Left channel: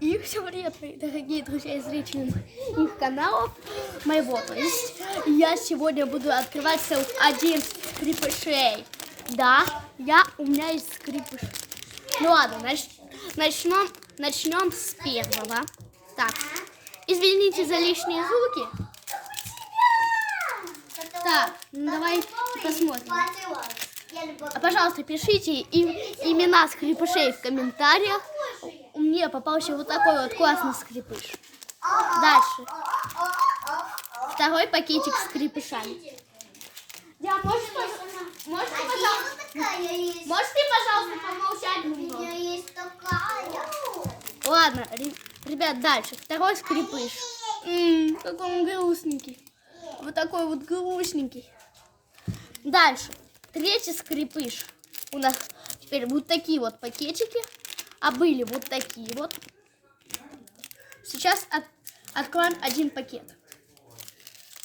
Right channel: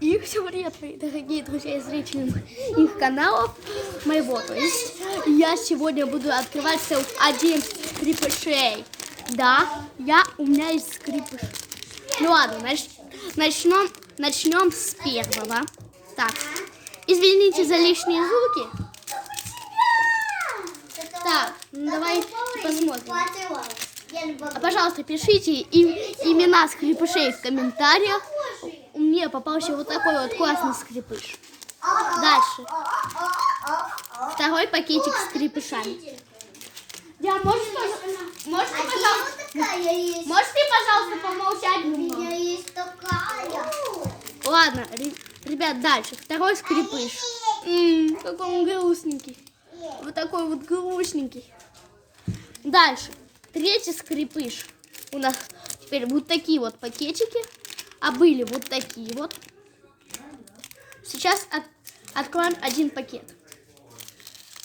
И всем привет, мои дорогие друзья и зрители их каналов моего. То есть я сегодня буду открывать целых 11 скрипышей. Да, у меня есть скрипыш. Ну ладно, начнем с первого. Так, извините за лишние звуки. Так, ну давай посмотрим. Пожалуйста, пишите имена скрипышей в комментариях. Мне попался вот такой вот классный скрипыш. Дальше. Второй пакетик с скрипышами. Можете, пожалуйста, помолчать немного? У меня есть такая. Ладно, ребят, дальше. Второй скрипыш. Какой он грустненький. Вот такой вот грустненький. Дальше. Третий скрипыш. У нас теперь вот такие вот пакетики. А были вот такие вот. Сейчас откроем один пакет.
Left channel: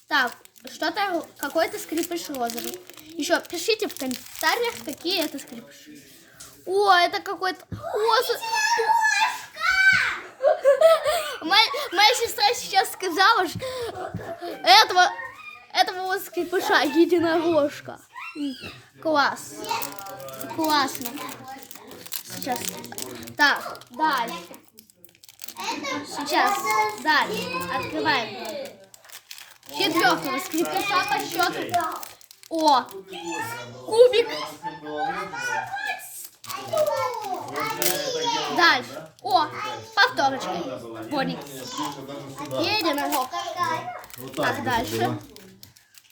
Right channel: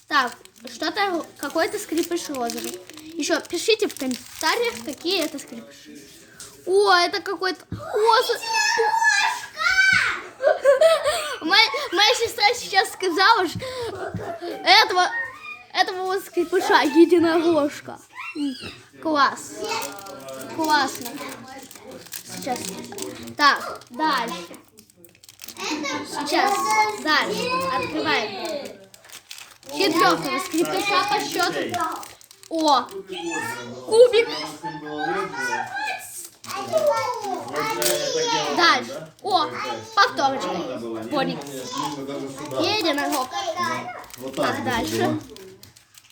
Так, что-то, какой-то скрипыш розовый. Еще пишите в комментариях, какие это скрипыши. О, это какой-то... Моя сестра сейчас сказала, что этого вот скрипыша единорожка. Класс. Классно. Сейчас. Так, дальше. Сейчас. Дальше. Открываем. Четвертого скрипыша по счету. О! Кубик. Дальше. О! Повторочка. Понял. Единорог. Так, дальше.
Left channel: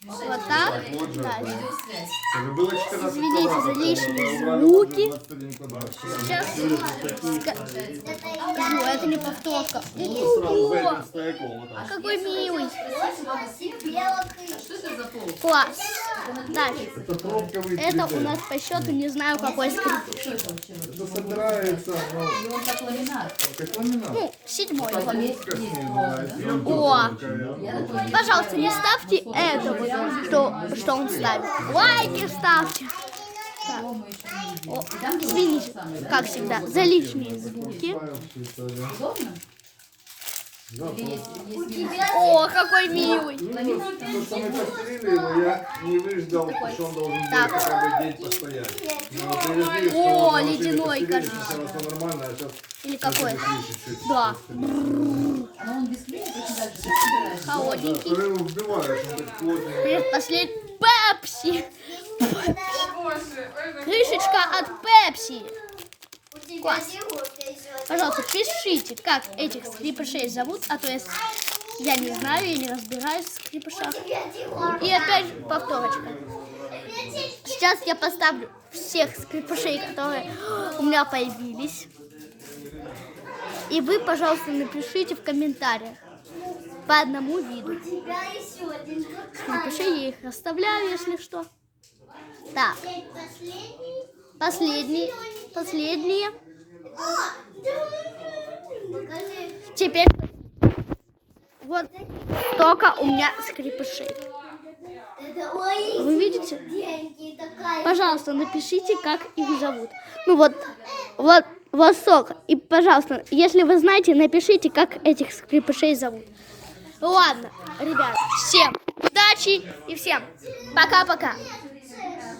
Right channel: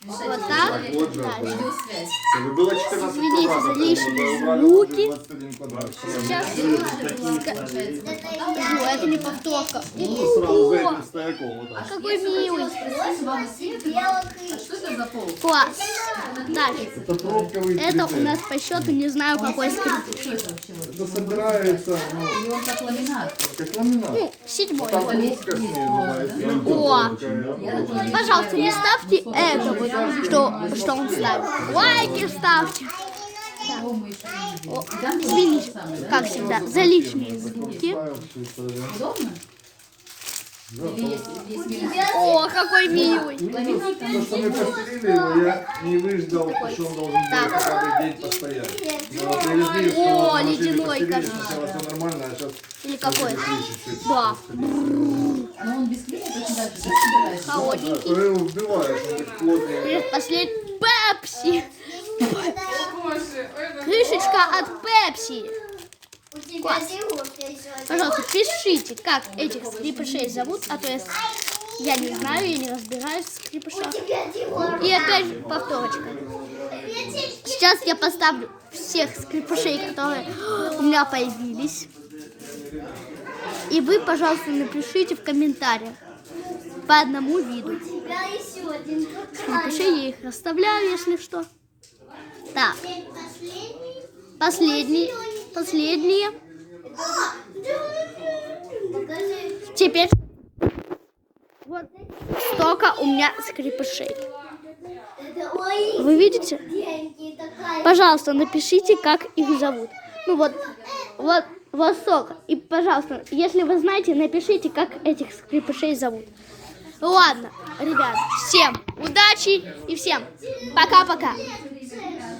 Вот так. Дальше. Извините за лишние звуки. Сейчас скажу, это не повторка. Какой милый. Класс. Дальше. Это у нас по счету не знаю какой скрипыш. Это собирается, ну, седьмой. О, пожалуйста, не ставьте это вот, что он ставит. Лайки ставьте. Так. О, извините, как всегда, за лишние звуки. О, какой милый. То, что мы постелили его, я не выждал, что он должен был хотя бы день постоять. О, ледяной, кажется. Сначала все нормально, а сейчас... Или какой? Да. Но он без клея очень даже Холодненький. Ты его вбиваешь, он будет плотнее. Предпоследний Пепси. Крышечка от Пепси. Класс. Пожалуйста, пишите, как этих скрипышей зовут, а то я не знаю, я не разбираюсь в скрипышах. И опять повторочка. Сейчас я поставлю всех скрипышей, которые у меня появились. И вы, пожалуйста, напишите в комментариях по одному виду. Скрипышей я их расставляю, если что. Так. Последние. Теперь вот столько у меня скрипышей. Вы видите? Пожалуйста, напишите, как их зовут. Ну вот столько. И, пожалуйста, если вы знаете, напишите, как этих скрипышей зовут. Ладно, ребят, всем удачи и всем пока-пока.